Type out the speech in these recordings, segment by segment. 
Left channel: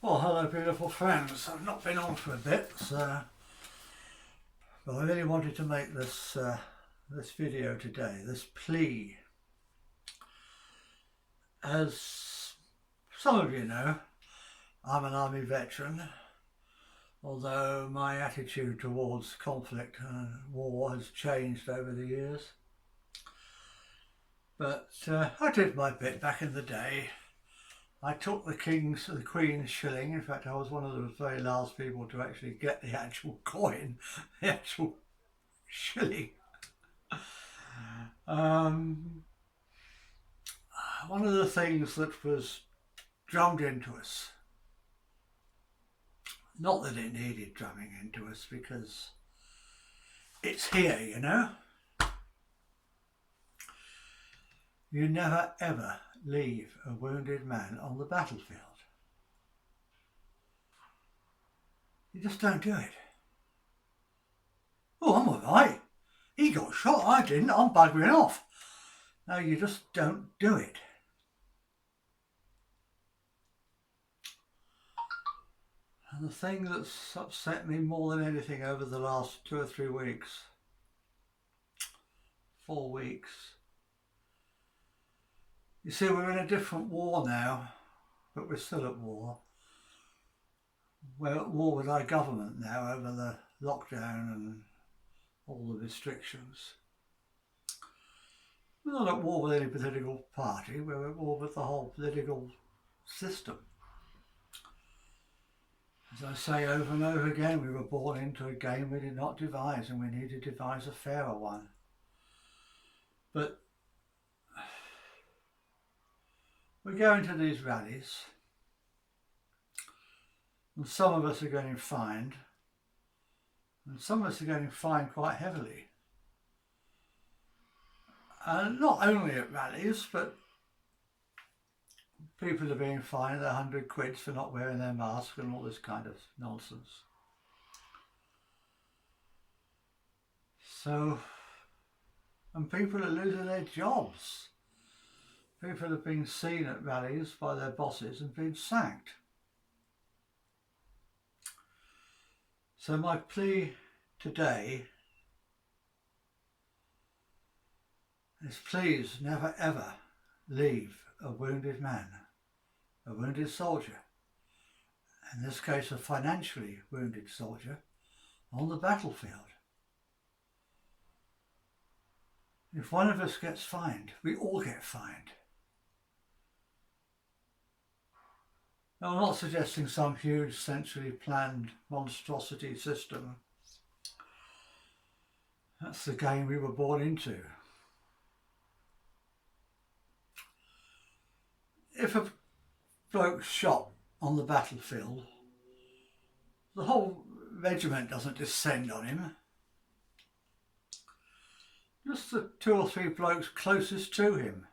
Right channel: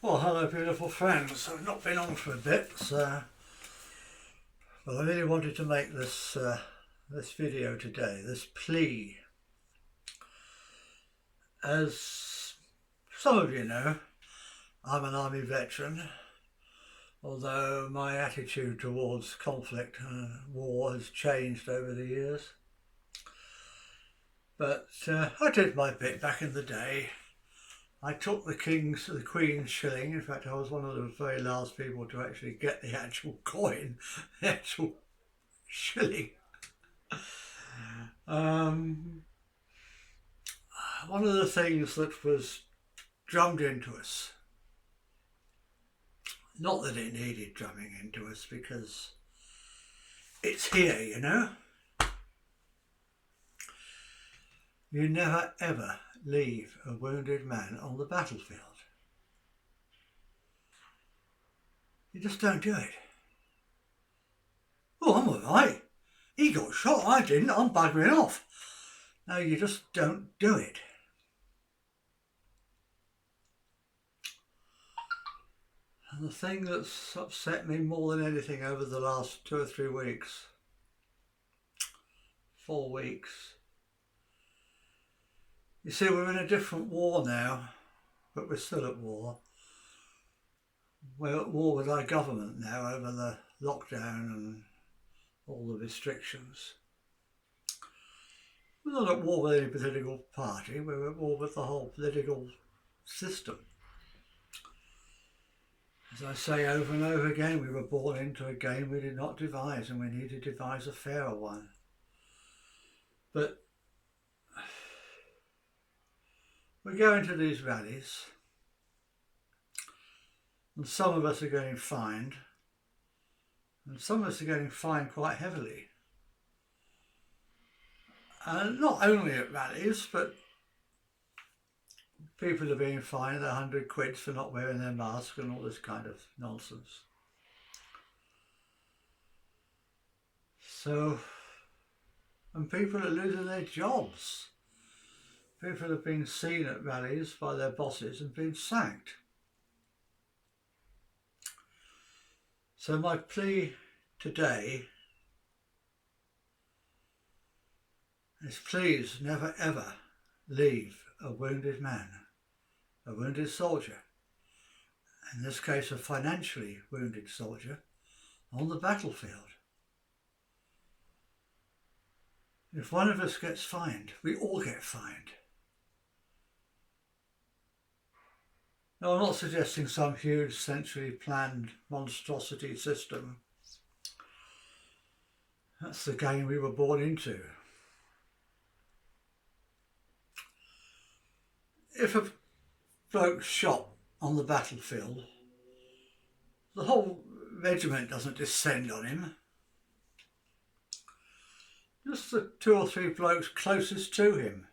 Well, hello beautiful friends. I've not been on for a bit, but I really wanted to make this video today, this plea. As some of you know, I'm an army veteran, although my attitude towards conflict and war has changed over the years. But I did my bit back in the day. I took the Queen's shilling. In fact, I was one of the very last people to actually get the actual coin, the actual shilling. One of the things that was drummed into us, not that it needed drumming into us because it's here, you know. You never ever leave a wounded man on the battlefield. You just don't do it. Oh, I'm alright. He got shot, I didn't, I'm buggering off. No, you just don't do it. And the thing that's upset me more than anything over the last 2 or 3 weeks, 4 weeks, you see, we're in a different war now, but we're still at war. We're at war with our government now over the lockdown and all the restrictions. We're not at war with any political party, we're at war with the whole political system. As I say over and over again, we were born into a game we did not devise, and we need to devise a fairer one. But we go into these rallies, and some of us are getting fined, and some of us are getting fined quite heavily. And not only at rallies, but people are being fined £100 for not wearing their mask and all this kind of nonsense. So, and people are losing their jobs. People have been seen at rallies by their bosses and been sacked. So my plea today is please never ever leave a wounded man, a wounded soldier, in this case a financially wounded soldier, on the battlefield. If one of us gets fined, we all get fined. Now, I'm not suggesting some huge centrally planned monstrosity system. That's the game we were born into. If a bloke's shot on the battlefield, the whole regiment doesn't descend on him. Just the 2 or 3 blokes closest to him.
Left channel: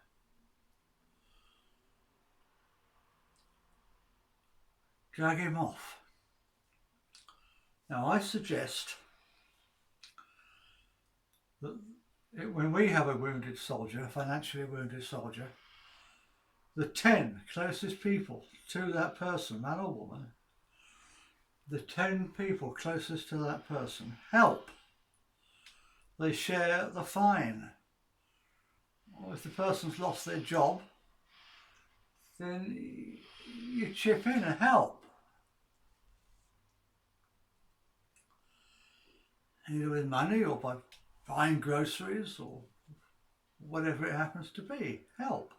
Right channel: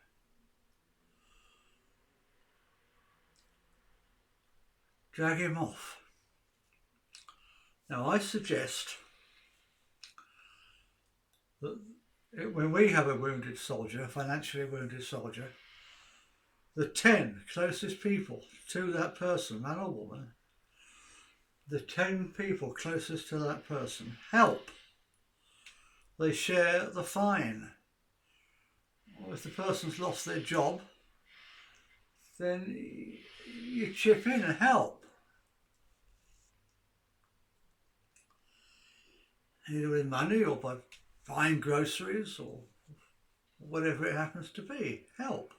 Drag him off. Now I suggest that when we have a wounded soldier, a financially wounded soldier, the 10 closest people to that person, man or woman, the 10 people closest to that person help. They share the fine. Or if the person's lost their job, then you chip in and help. Either with money or by buying groceries or whatever it happens to be. Help.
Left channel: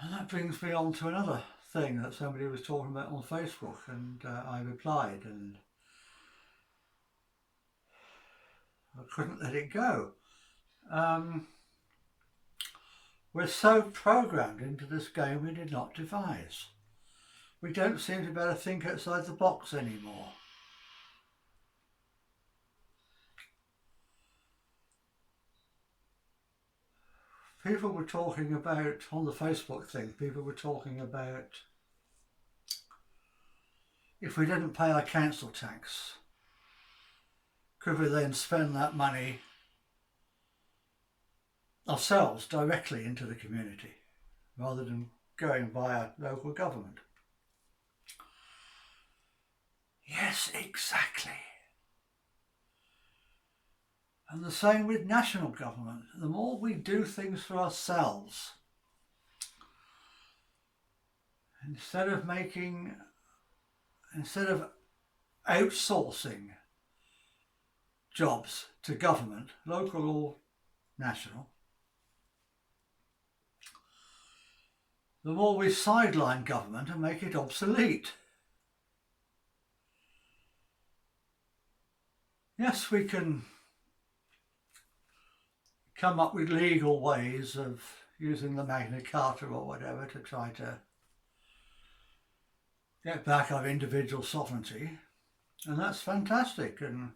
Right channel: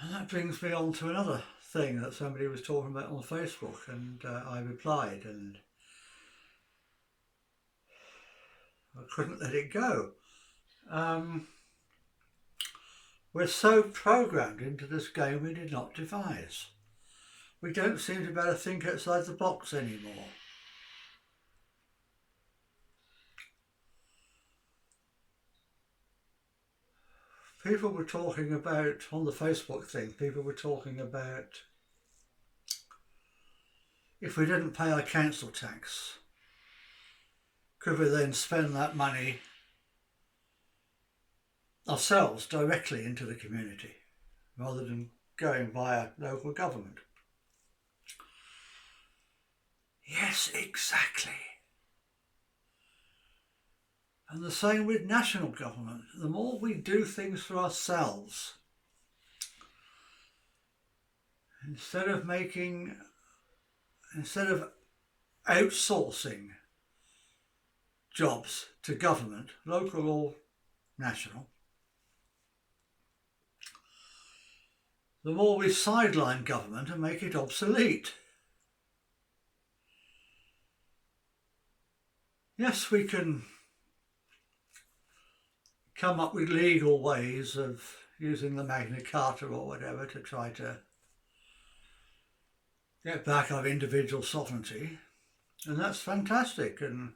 And that brings me on to another thing that somebody was talking about on Facebook, and I replied, and I couldn't let it go. We're so programmed into this game we did not devise. We don't seem to be able to think outside the box anymore. People were talking about, on the Facebook thing, people were talking about if we didn't pay our council tax, could we then spend that money ourselves directly into the community rather than going via local government. Yes, exactly. And the same with national government. The more we do things for ourselves, instead of outsourcing jobs to government, local or national, the more we sideline government and make it obsolete. Yes, we can come up with legal ways of using the Magna Carta or whatever to try to get back our individual sovereignty, and that's fantastic. And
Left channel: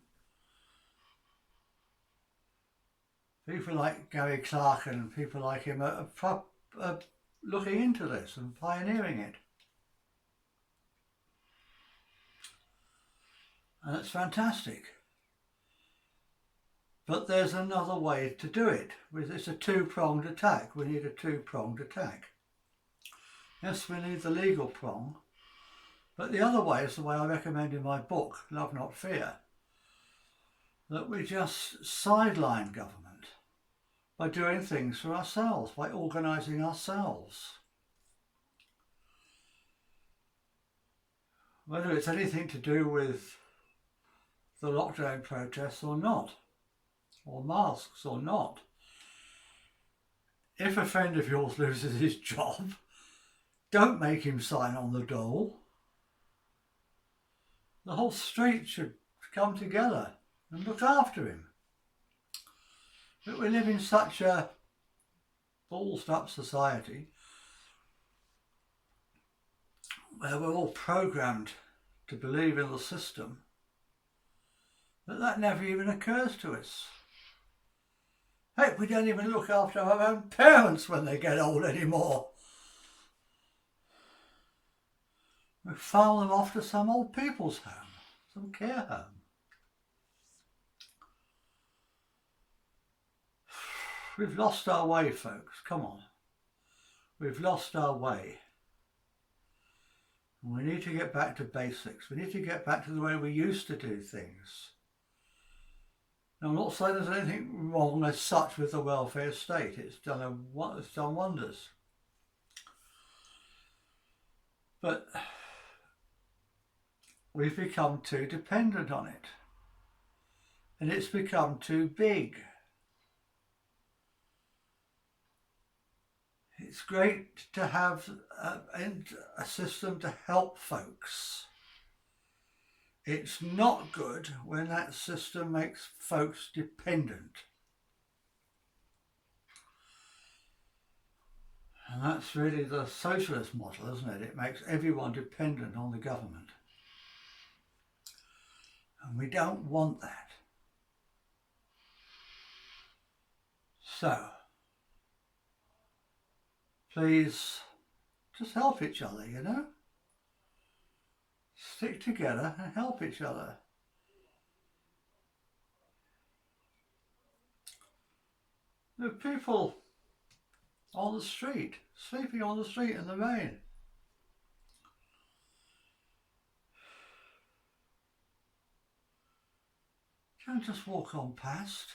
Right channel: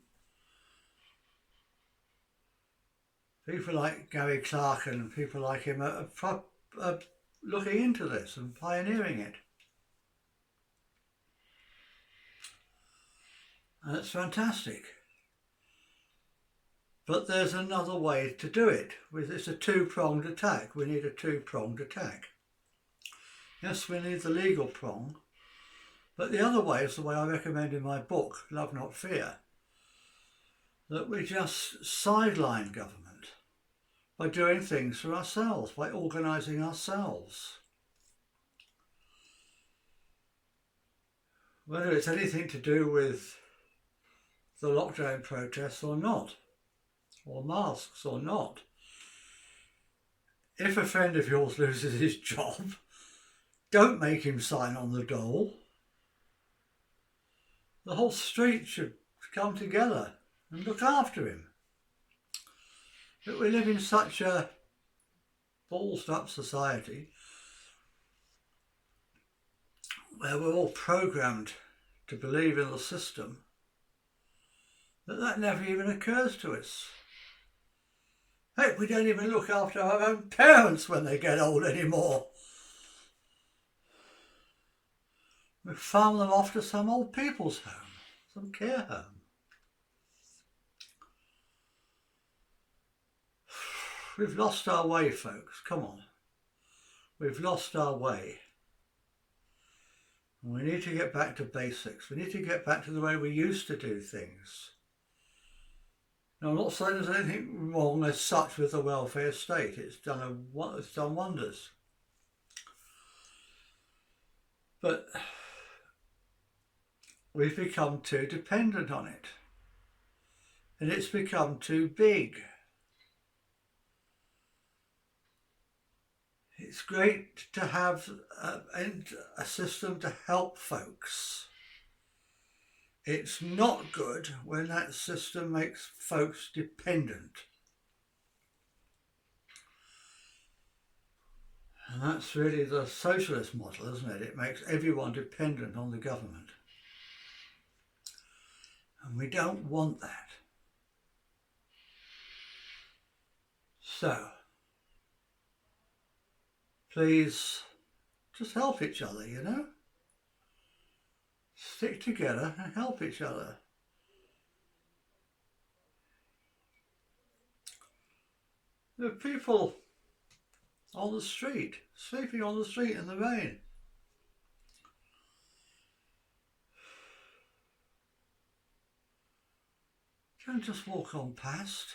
people like Gary Clark and people like him are looking into this and pioneering it. And it's fantastic. But there's another way to do it. It's a two-pronged attack. We need a two-pronged attack. Yes, we need the legal prong, but the other way is the way I recommend in my book, Love Not Fear, that we just sideline government by doing things for ourselves, by organising ourselves. Whether it's anything to do with the lockdown protests or not, or masks or not. If a friend of yours loses his job, don't make him sign on the dole. The whole street should come together and look after him. But we live in such a ballsed up society where we're all programmed to believe in the system that never even occurs to us. Heck, we don't even look after our own parents when they get old anymore. We farm them off to some old people's home, some care home. We've lost our way, folks. Come on. We've lost our way. And we need to get back to basics. We need to get back to the way we used to do things. Now, I'm not saying there's anything wrong as such with the welfare state. It's done wonders. But we've become too dependent on it. And it's become too big. It's great to have a system to help folks. It's not good when that system makes folks dependent. And that's really the socialist model, isn't it? It makes everyone dependent on the government. And we don't want that. So, please just help each other, you know? Stick together and help each other. There are people on the street, sleeping on the street in the rain. Don't just walk on past.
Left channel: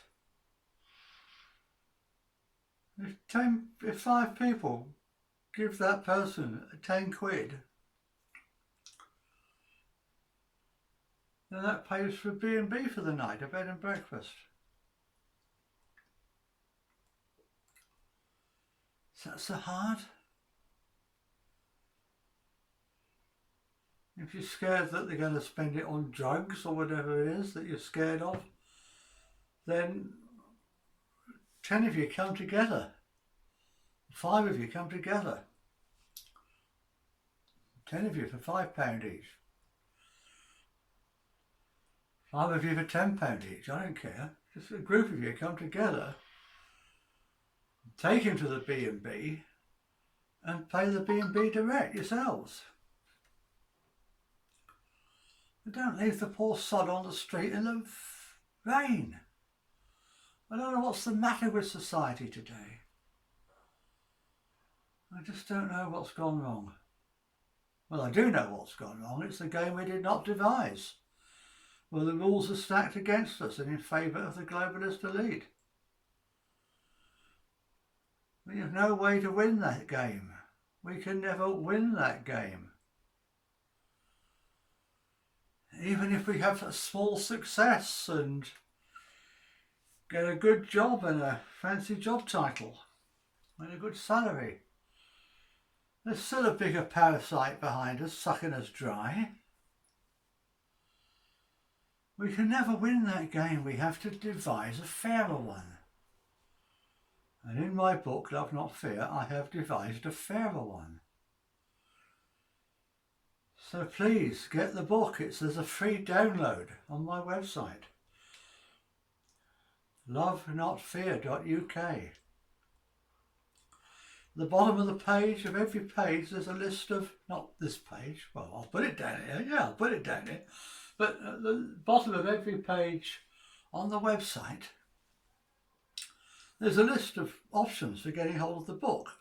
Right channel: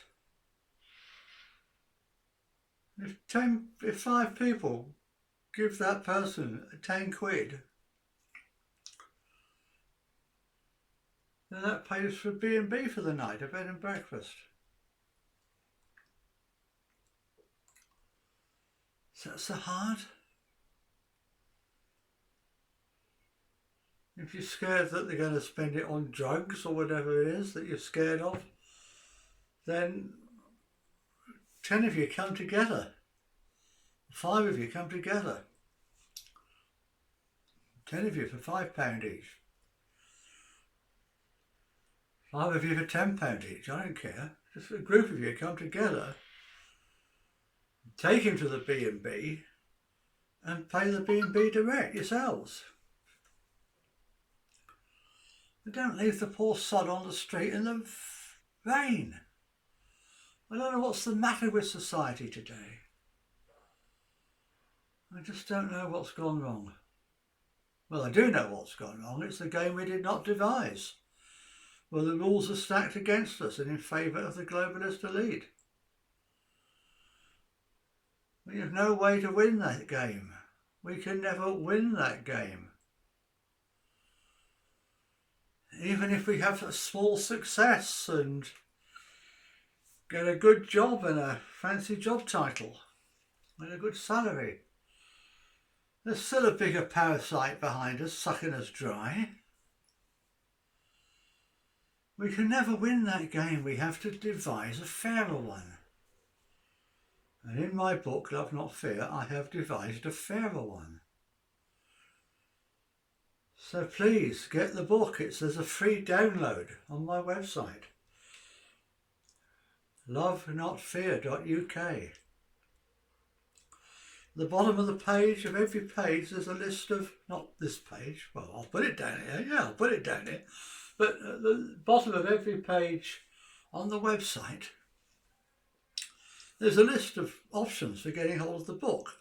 If 5 people give that person 10 quid, then that pays for B&B for the night, a bed and breakfast. Is that so hard? If you're scared that they're going to spend it on drugs or whatever it is that you're scared of, then 10 of you come together. 5 of you come together. 10 of you for £5 each. 5 of you for £10 each, I don't care. Just a group of you come together, take him to the B&B and pay the B&B direct yourselves. But don't leave the poor sod on the street in the rain. I don't know what's the matter with society today. I just don't know what's gone wrong. Well, I do know what's gone wrong. It's the game we did not devise, where the rules are stacked against us and in favour of the globalist elite. We have no way to win that game. We can never win that game. Even if we have a small success and get a good job and a fancy job title and a good salary, there's still a bigger parasite behind us sucking us dry. We can never win that game. We have to devise a fairer one. And in my book, Love Not Fear, I have devised a fairer one. So please get the book. There's a free download on my website, lovenotfear.uk. The bottom of the page, of every page, there's a list of, not this page, well, I'll put it down here, yeah, I'll put it down here, but at the bottom of every page on the website, there's a list of options for getting hold of the book.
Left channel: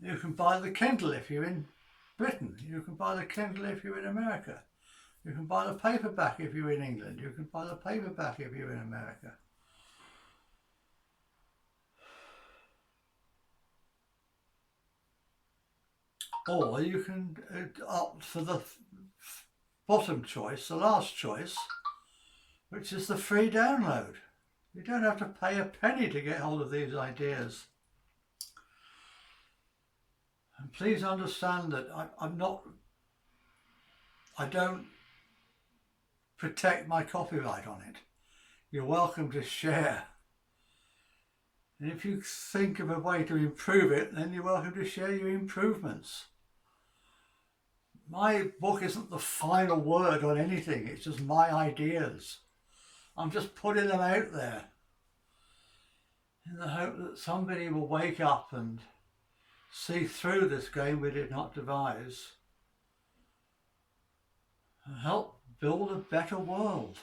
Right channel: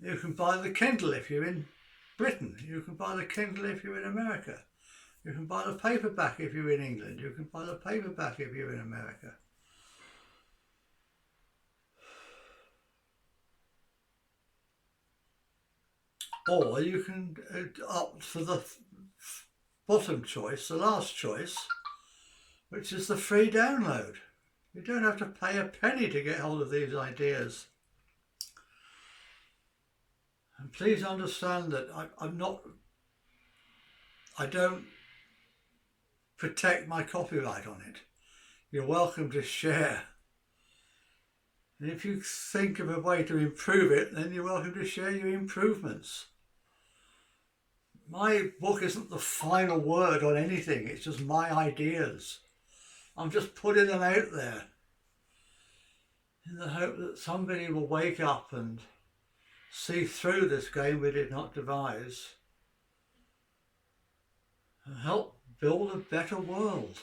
You can buy the Kindle if you're in Britain. You can buy the Kindle if you're in America. You can buy the paperback if you're in England. You can buy the paperback if you're in America. Or you can opt for the bottom choice, the last choice, which is the free download. You don't have to pay a penny to get hold of these ideas. And please understand that I don't protect my copyright on it. You're welcome to share. And if you think of a way to improve it, then you're welcome to share your improvements. My book isn't the final word on anything. It's just my ideas. I'm just putting them out there in the hope that somebody will wake up and see through this game we did not devise and help build a better world.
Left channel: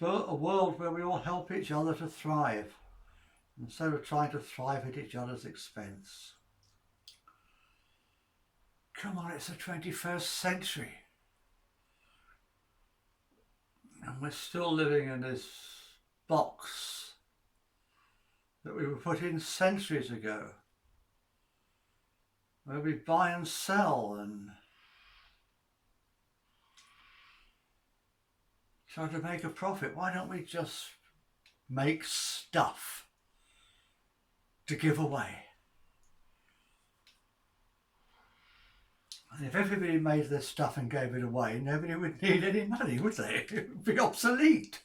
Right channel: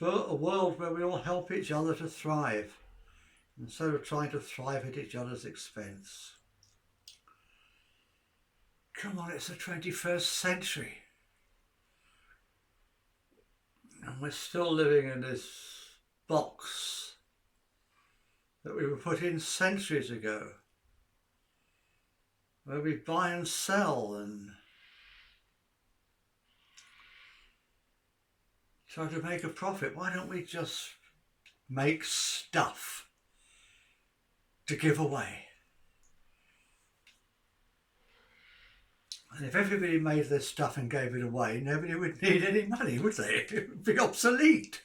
A world where we all help each other to thrive instead of trying to thrive at each other's expense. Come on, it's the 21st century. And we're still living in this box that we were put in centuries ago, where we buy and sell and try to make a profit. Why don't we just make stuff to give away? And if everybody made this stuff and gave it away, nobody would need any money, would they? It would be obsolete.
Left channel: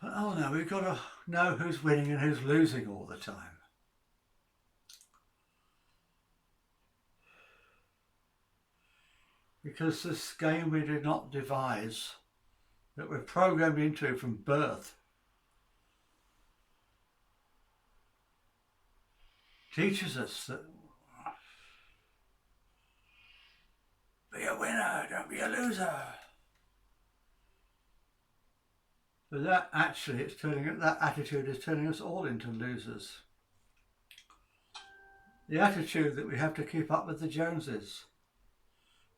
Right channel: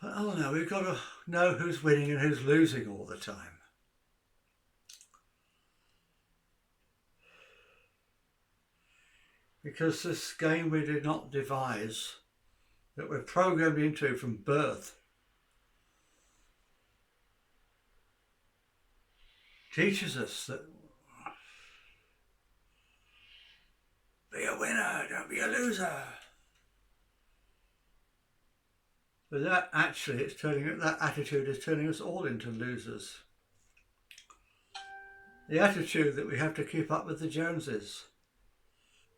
But oh no, we've got to know who's winning and who's losing all the time. Because this game we did not devise, that we're programmed into from birth, teaches us that be a winner, don't be a loser. But that attitude is turning us all into losers. The attitude that we have to keep up with the Joneses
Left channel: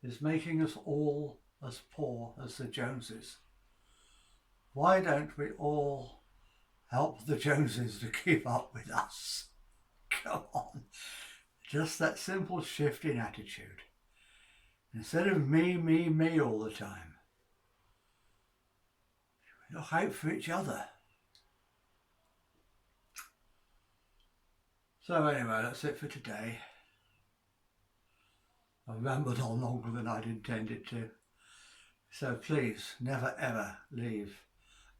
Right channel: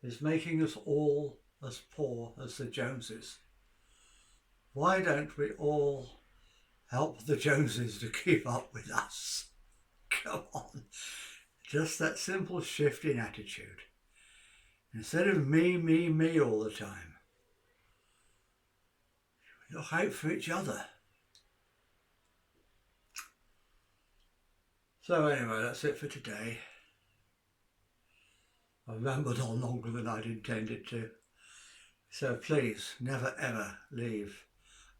is making us all as poor as the Joneses. Why don't we all help the Joneses to keep up with us? Come on. Just that simple shift in attitude. Instead of me, me, me all the time, look out for each other. So anyway, that's it for today. I've rambled on longer than I'd intended to. So please, never ever leave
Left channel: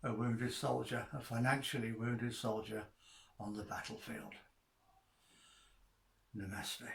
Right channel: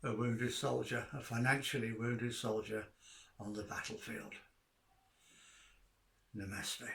a wounded soldier, a financially wounded soldier, on the battlefield. Namaste.